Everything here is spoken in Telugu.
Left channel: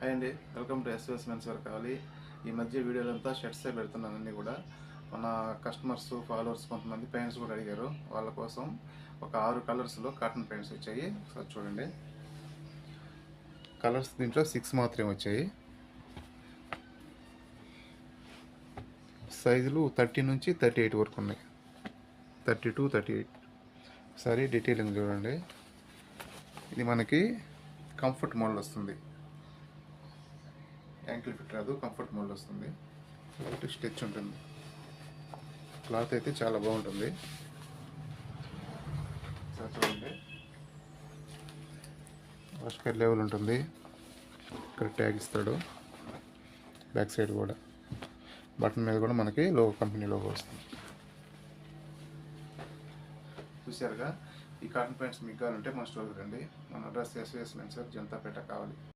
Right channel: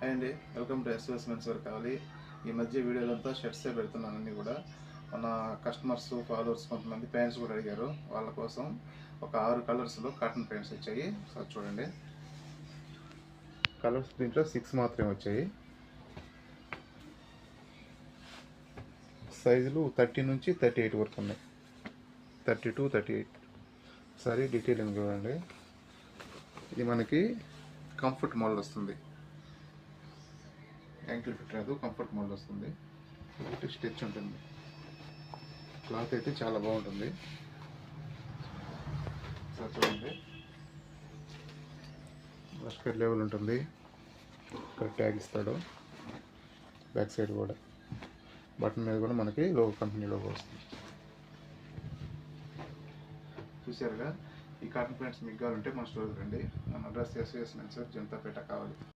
హాయ్ అండి, welcome to SS men's wear కావాలి. ఈ మధ్య వీడియోలంతా షర్ట్సే పెడుతున్నాను. అన్నీ కూడా మన కస్టమర్స్ ఫాలోవర్స్ కొంతమంది ప్యాంట్స్ కూడా అడిగారు. వాళ్ళ కోసం ఒక 6 కలర్స్లో కాటన్ ప్యాంట్స్ వచ్చాయి. ఒకసారి చూడండి. కలర్స్ దీంట్లో 6 మాత్రమే వచ్చాయి. సైజులు 30 నుంచి 38 వరకు ఉన్నాయి. 32, 38. ఒకసారి డీటెయిలింగ్ చూడండి. ఇది మనకి కంఫర్ట్ మోడల్ వస్తుంది. యాంకిల్ ఫిట్ రాదు, కంఫర్ట్ మోడల్ వస్తుంది. కాబట్టి స్టిచ్ ఉంటుంది. క్లాత్ అయితే చాలా బాగుంటుంది. చూడండి, ఆస్కర్ లెవెల్ ఉంటుంది. ఇక్కడ ట్యాగ్ ఇస్తాడు. బ్యాక్ సైడ్ కూడా బటన్ మీద కూడా మనకి లోగో, కంపెనీ లోగో వస్తుంది. చూసారుగా. ఈ కాటన్ ప్యాంట్స్ మీకు కావాలంటే మన స్టోర్కి రండి. మన address SS men's wear, Janatapeta కావాలి.